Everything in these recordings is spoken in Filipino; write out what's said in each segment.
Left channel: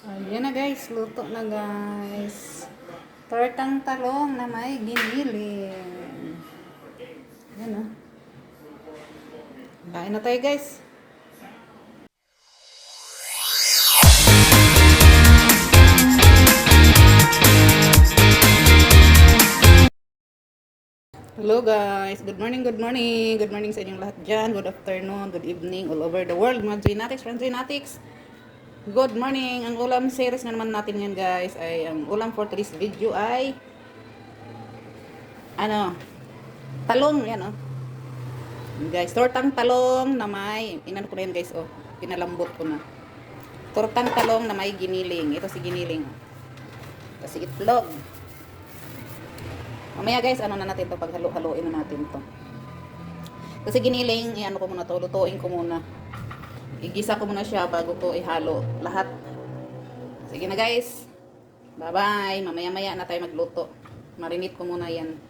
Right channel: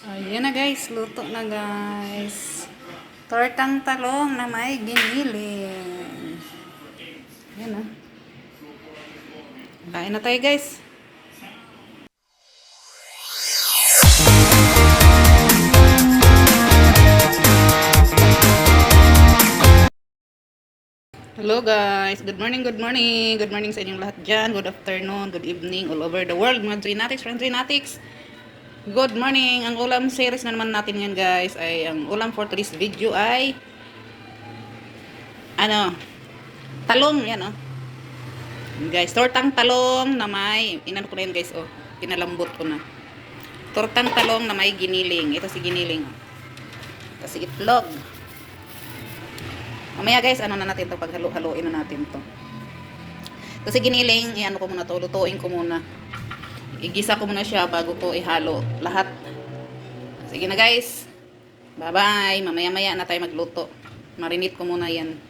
Ayan na guys, luto na guys. Tortang talong na may giniling. Ayan na. Kain na tayo guys. Hello guys, good morning, good morning. Good morning sa inyong lahat dyan. Good afternoon, good evening all over the world. Mga Joynatics, friends Joynatics. Good morning. Ang ulam series na naman natin ngayon guys ay ang ulam for today's video ay ano, talong yan oh. Guys, tortang talong na may inano ko na yun guys oh. Pinalambot ko na. Tortang talong na may giniling. Ito si giniling oh. Ito si itlog. Mamaya guys, ano na natin to, paghalo-haloin na natin to. Kasi giniling, ano ko muna to, lutuin ko muna. Igisa ko muna siya bago ko ihalo lahat. Sige na guys. Bye-bye. Mamaya-maya na tayo magluto. Marinate ko muna yan.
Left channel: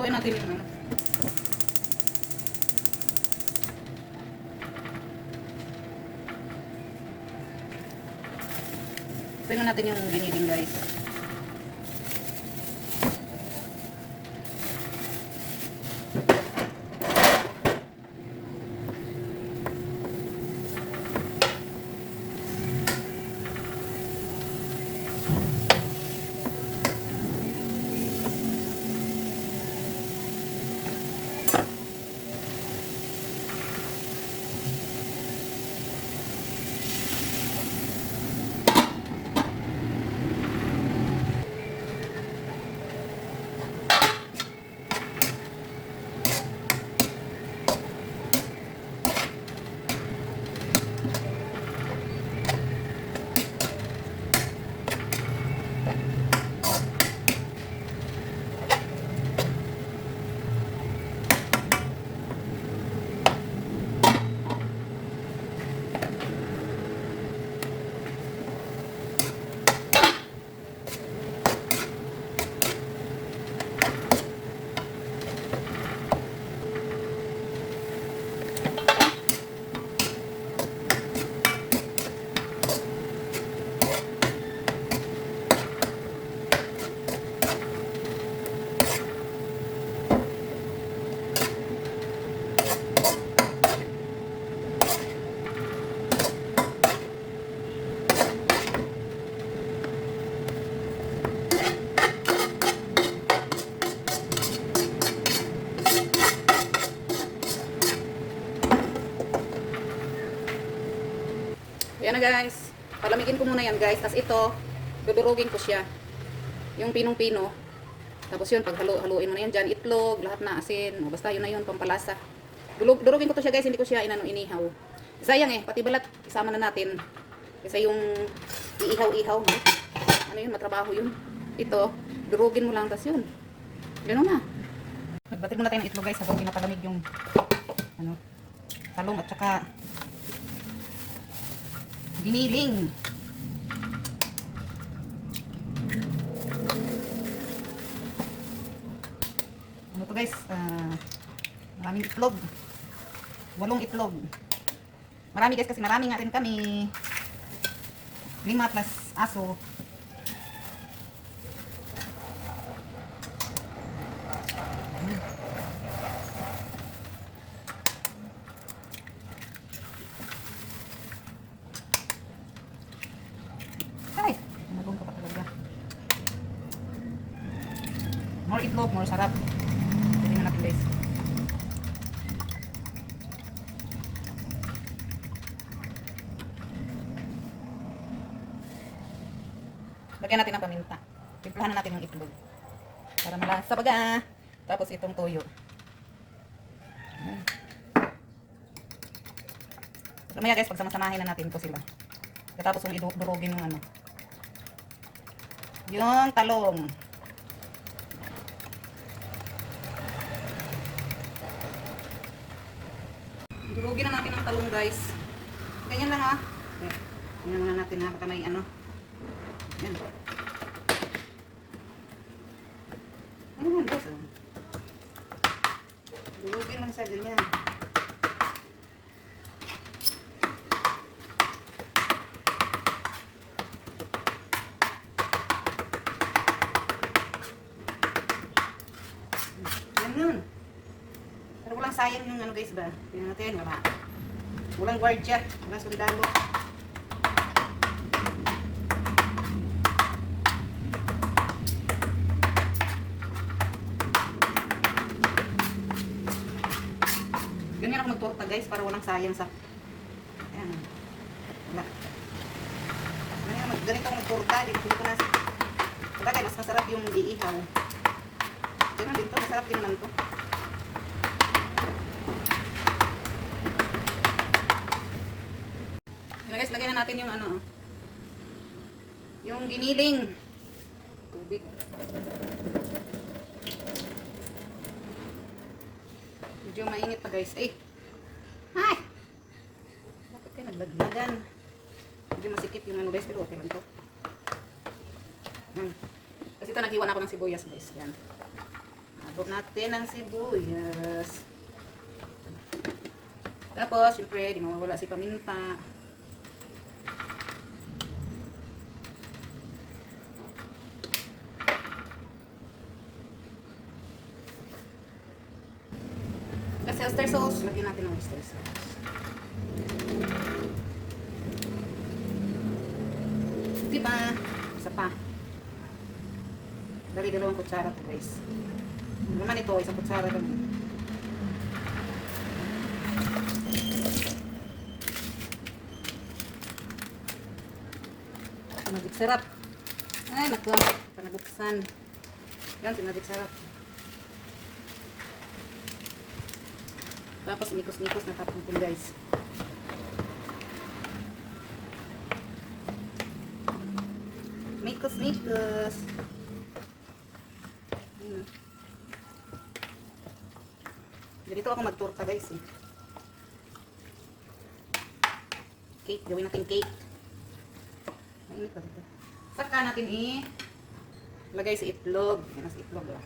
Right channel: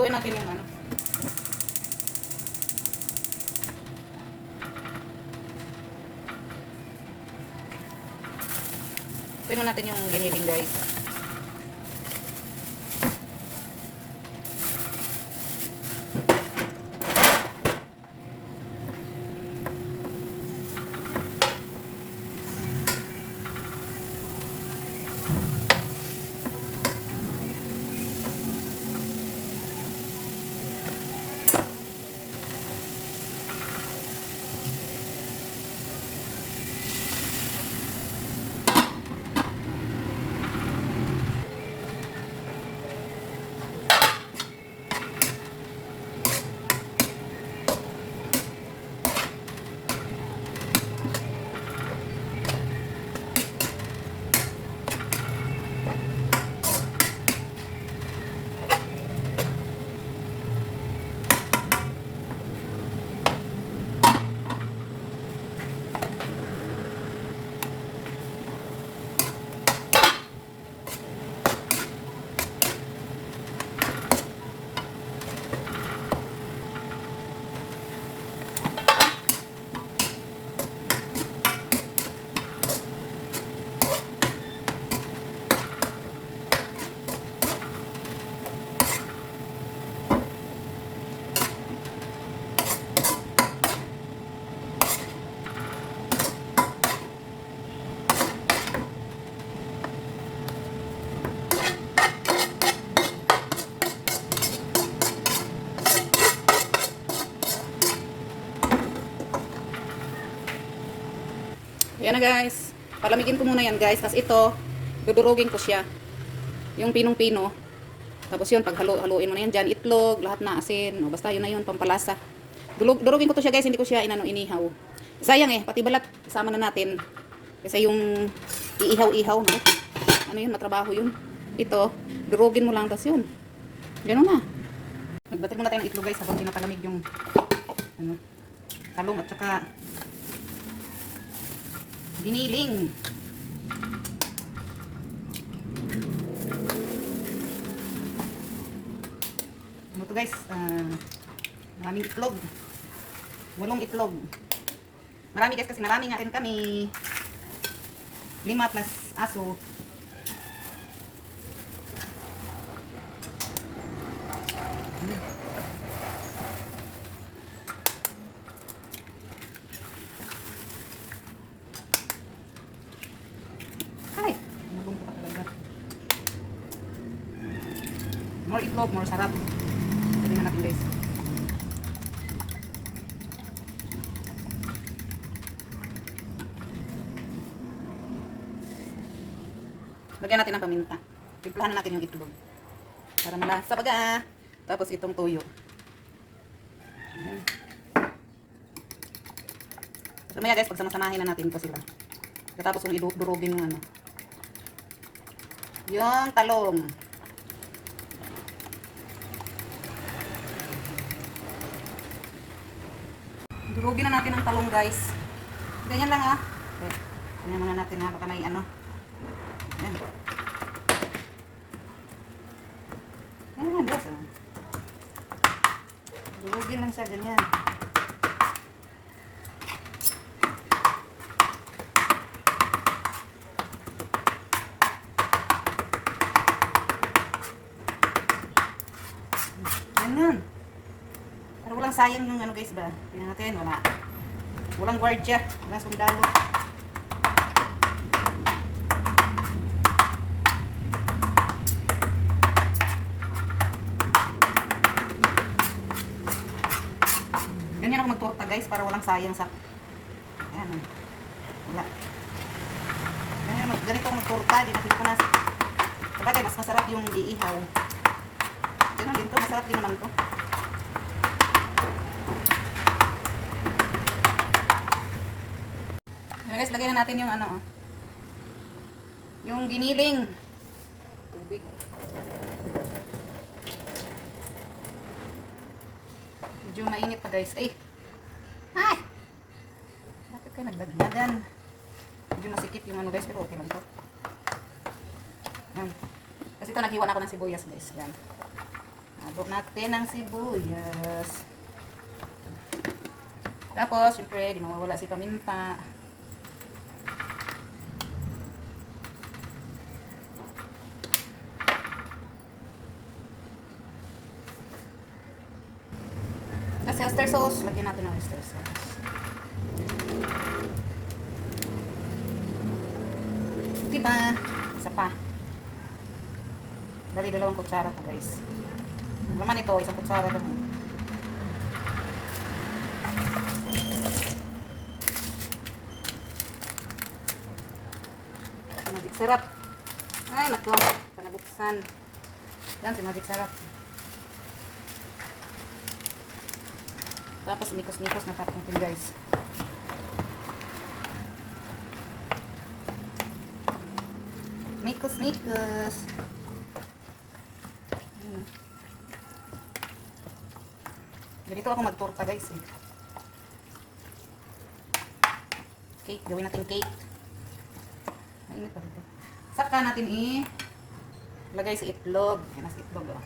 Lutuin natin yung ano. Lutuin natin yung giniling guys. Yan na guys. Palamigin ko muna yan guys. Tapos ito, dudurugin ko siya. Yung pinong-pino. Tapos yun, pag haluin mo na yan dyan, itlog, lahat na asin. O, basta yun na yun, pampalasa. Durugin ko to siya guys, hindi ko siya inihaw. Sayang eh, pati balat, isama na natin. Kasi yung iihaw-ihaw, no? Ano yun, matrabaho yun. Ito, durugin mo lang, tapos yun. Ganun na. Magbatid muna tayo ng itlog guys, habang pinapalamig yung ano, talong at saka giniling. Ano to guys? Maraming itlog. 8 itlog. Marami guys kasi marami nga rin kami. 5 plus aso. Ay, nabungko pa talaga. More itlog, more sarap. Tingnan natin guys. Lagyan natin ng paminta. Timplahan natin yung itlog. Para malasa baga. Tapos itong tuyo. Ayan. Mamaya guys, pagsama-samahin na natin ito sila. Tapos yung idurugin yung ano. Yung talong. Durugin na natin ang talong guys. Ganyan lang ha. Okay. Ganyan muna natin ha. Baka may ano. Ayan. Ayan lang guys. Durugin lang siya ganyan. Ganyan. Pero walang sayang yung ano guys ba? Tingnan natin, wala. Walang guardia, walang sundalo. Ganyan ako magtorta guys, para walang sayang sa... Ayan. Wala. Ganito ako magtorta, di natin ko na... Pagkakay, mas masarap yung iihaw. Ganyan din to, masarap din naman to. Guys, lagyan na natin yung ano, yung giniling tubig. Medyo mainit pa guys. Ay! Bakit kayo naglaglagan? Medyo masikip yung ano guys, pero okay lang to. Kasi ito naghiwa na ako ng sibuyas guys. Yan. Nabot natin ang sibuyas. Tapos, syempre, di mawawala si paminta. Kasi oyster sauce, lagyan natin ng oyster sauce. Diba? Isa pa. Bali, 2 kutsara to guys. Naman ito, 1 kutsara lang. Magic sarap. Ay, naku. Panabuksan. Yan, si magic sarap. Tapos mikos-mikos na tapos natin guys. Mikos-mikos. Ganito ako magtorta guys eh. Cake, gawin natin cake. Mainit pa dito. Saka natin lagay sa itlog. Yan sa itlog oh.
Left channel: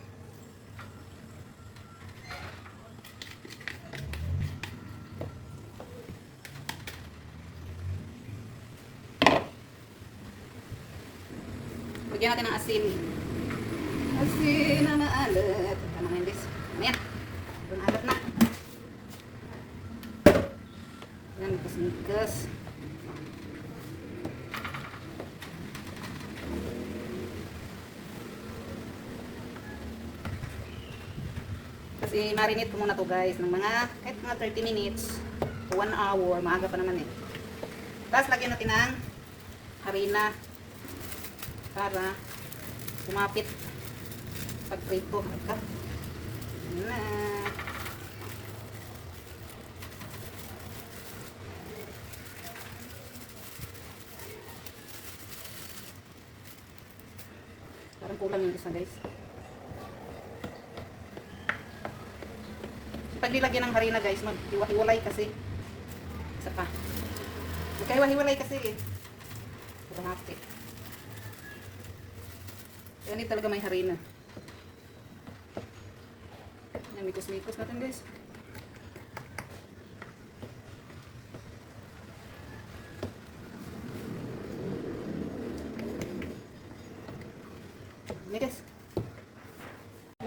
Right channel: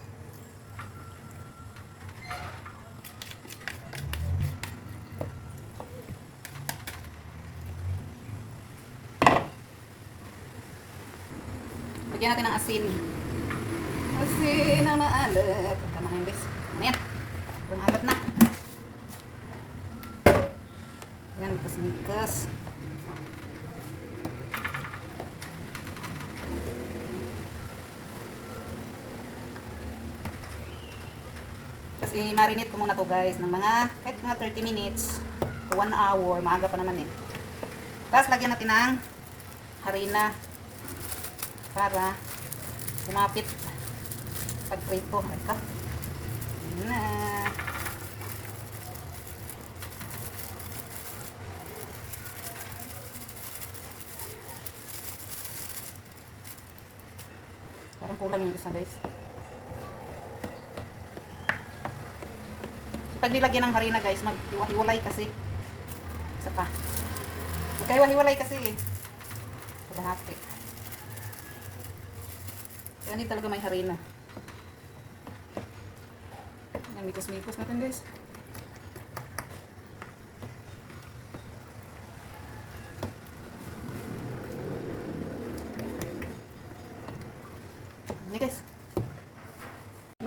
Lagyan natin ng asin. Asin na maalat. Tama na yun guys. Ayan. Bumalat na. Ayan, mikas-mikas. Kasi marinate ko muna to guys ng mga kahit mga 30 minutes to 1 hour. Maaga pa naman eh. Tapos lagyan natin ng harina para kumapit pag-prito. Ito. Na. Parang kulang yung isa guys. Pag nilagyan ng harina guys, maghiwa-hiwalay kasi. Isa pa. Maghiwa-hiwalay kasi eh. Kalahati. Kaya hindi talaga may harina. Yan, mikos-mikos natin guys. Ini guys.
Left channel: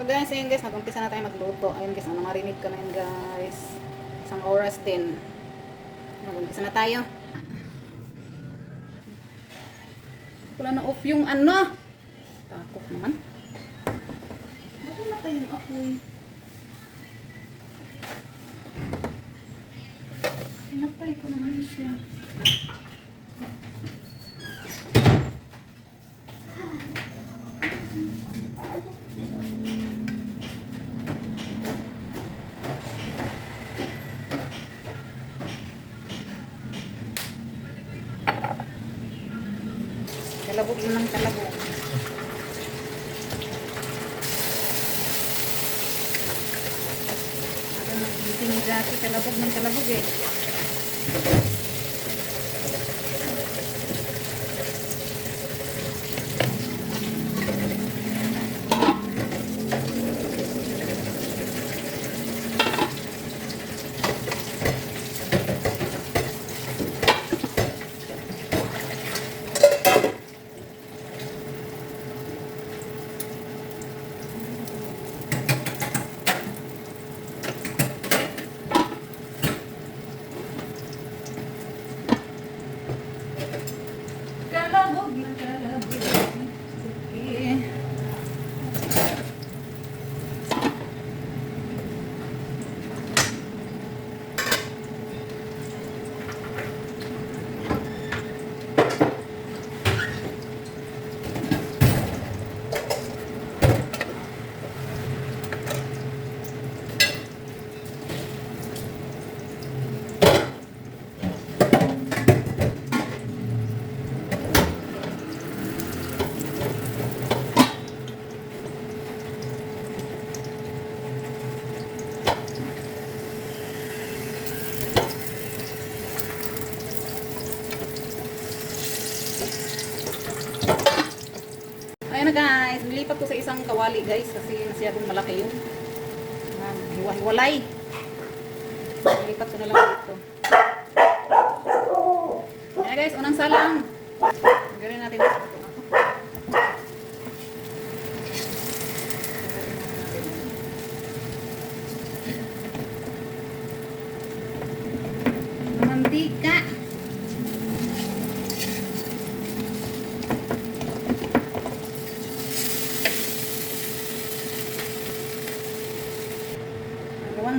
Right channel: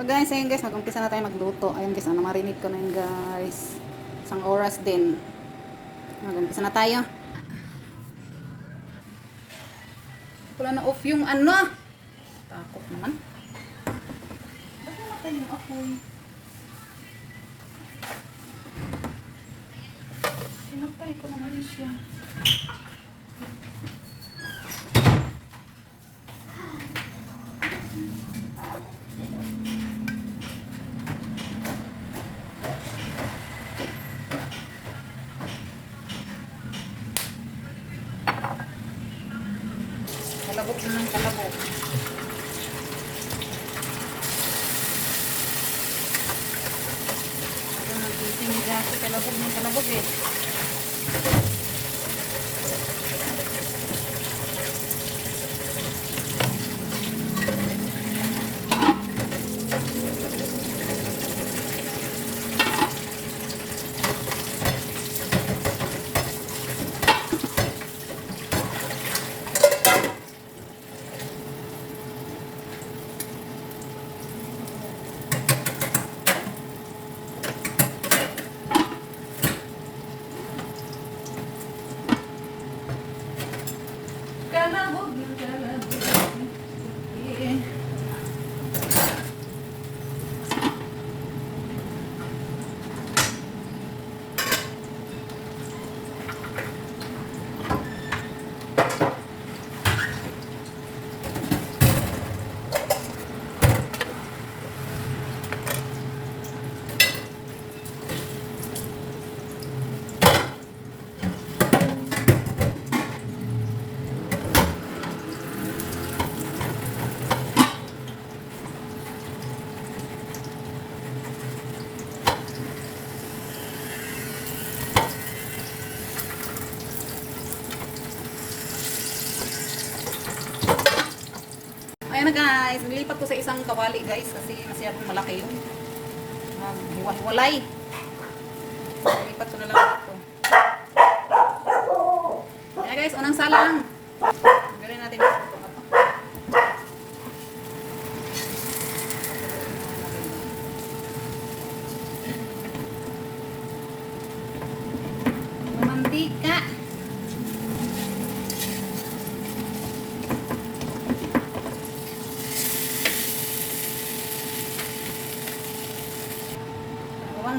Guys, ayun guys, mag-umpisa na tayo magluto. Ayun guys, marinate ko na yun guys. Isang oras din. Mag-umpisa na tayo. Wala na off yung ano. Takot naman. Bakit naman yung apoy? Pinatay ko naman siya. natin ng kalabog. Ako nagtitinga sa kalabog ng kalabog eh. Kalabog ng kalabog. Okay. Ayan na guys, nilipat ko sa isang kawali guys kasi masyadong malaki yun. Hiwa-hiwalay. Nilipat ko na lang ito. Ayan guys, unang sala lang. Gawin natin ito. Mantika.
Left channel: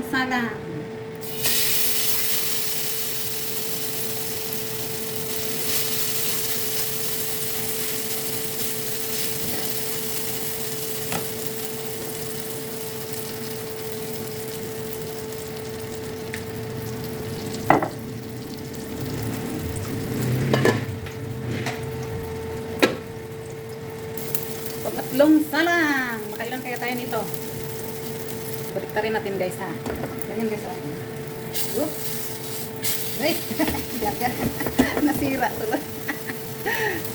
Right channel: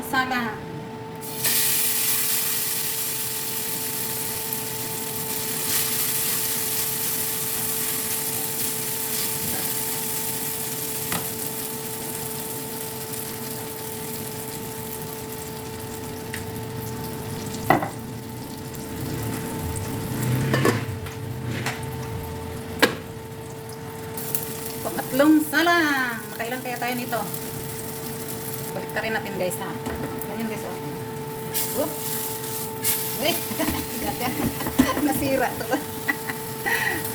Sala. Pangatlong salang. Makailan kaya tayo nito? Baliktarin natin guys ha. Ganyan guys ha. Oops. Ay, gagal. Nasira to.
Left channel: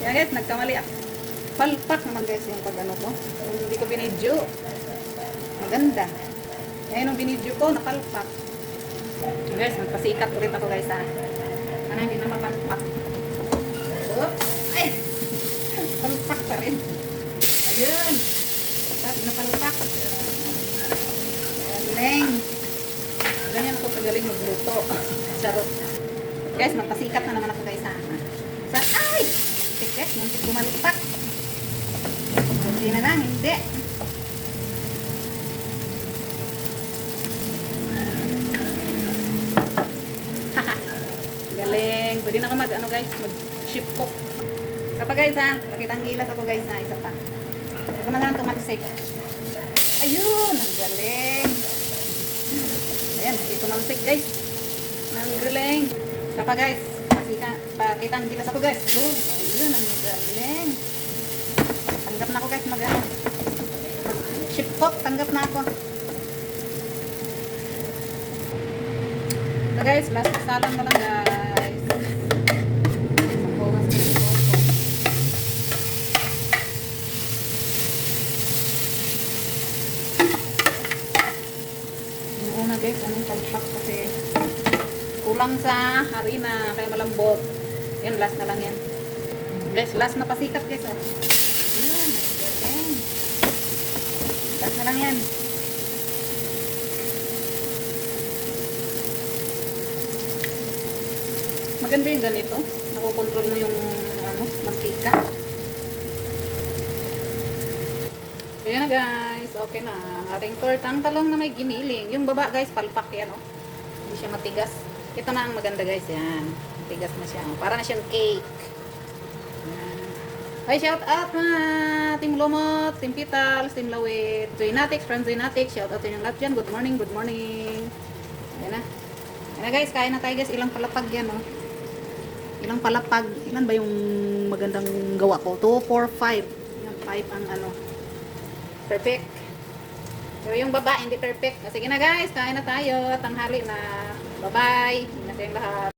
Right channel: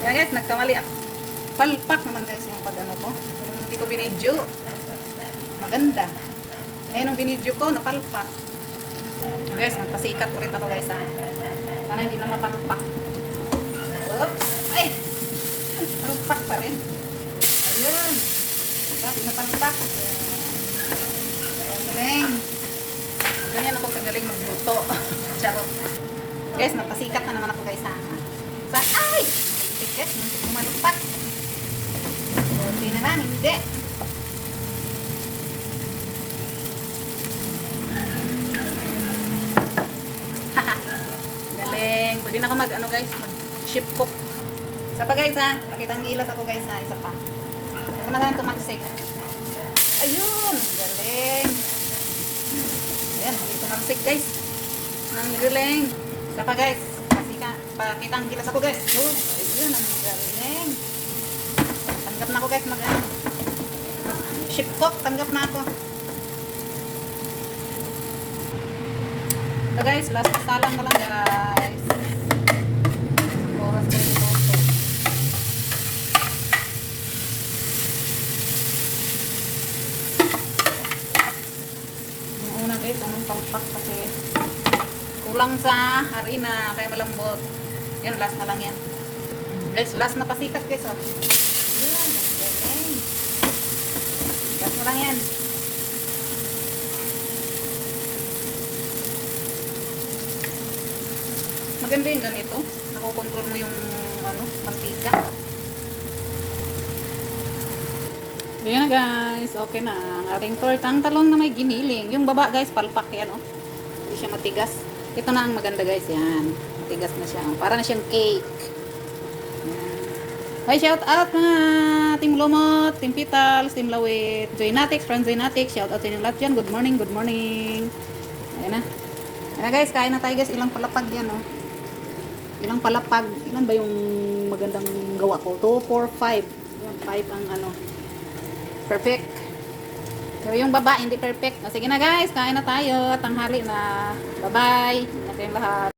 Kaya guys, nagkamali ako. Palpak naman guys yung pag-ano ko. Hindi ko binidyo. Maganda. Ayan ang binidyo ko, napalpak. So guys, magpasikat ulit ako guys ha. Sana hindi na mapalpak. Oops. Ay! Palpak pa rin. Ayun. Napalpak. Galing. Ganyan ako kagaling magluto. Charot. Guys, magpasikat na naman ako guys ha. Ay! Tiket, gumantak. Hindi naman, hindi. Galing. Pwede na ako mag-ano guys, mag-ship cook. Isa pa guys ha. Pakita ang ilas ako guys ha. Isa pa. Ito na lang tumaksik. Ayun! Galing. Ayan, dito mangsik guys. Ang galing. Apa guys? Pakitang kita sa ko guys. Good. Ayun, ang galing. Tanggap na ako guys. Ship cook, tanggap na ako. So guys, last salang na lang guys. Yung una guys, anong palpak kasi kulang sa harina, kaya malambot. Yan, last na lang yan. Guys, last na pasikat guys. Yun, okay. Last na lang yan. Maganda yung ganito. Nakukontrol mo yung mantika. Yan na guys. Okay na. Ating tortang talong na may giniling. Yung baba guys, palpak yan. Hindi siya matigas. Ito na ang maganda guys. Yan. Matigas na siya. Para na siyang cake. Hi, shout out na Team Lumot, Team Petals, Team Lawit, Zoynatics, Friends Zoynatics. Shout out sa inyong lahat dyan. Good morning, good morning. Ayan na. Ayan na guys, kain na tayo guys. Ilang palapag yan Ilang palapag. Ilan ba yung magandang gawa ko? 2, 4, 5. Yan, 5 ang ano. Perfect. Pero yung baba, hindi perfect. O, sige na guys, kain na tayo. Tanghali na. Bye-bye. Ingat kayong lahat.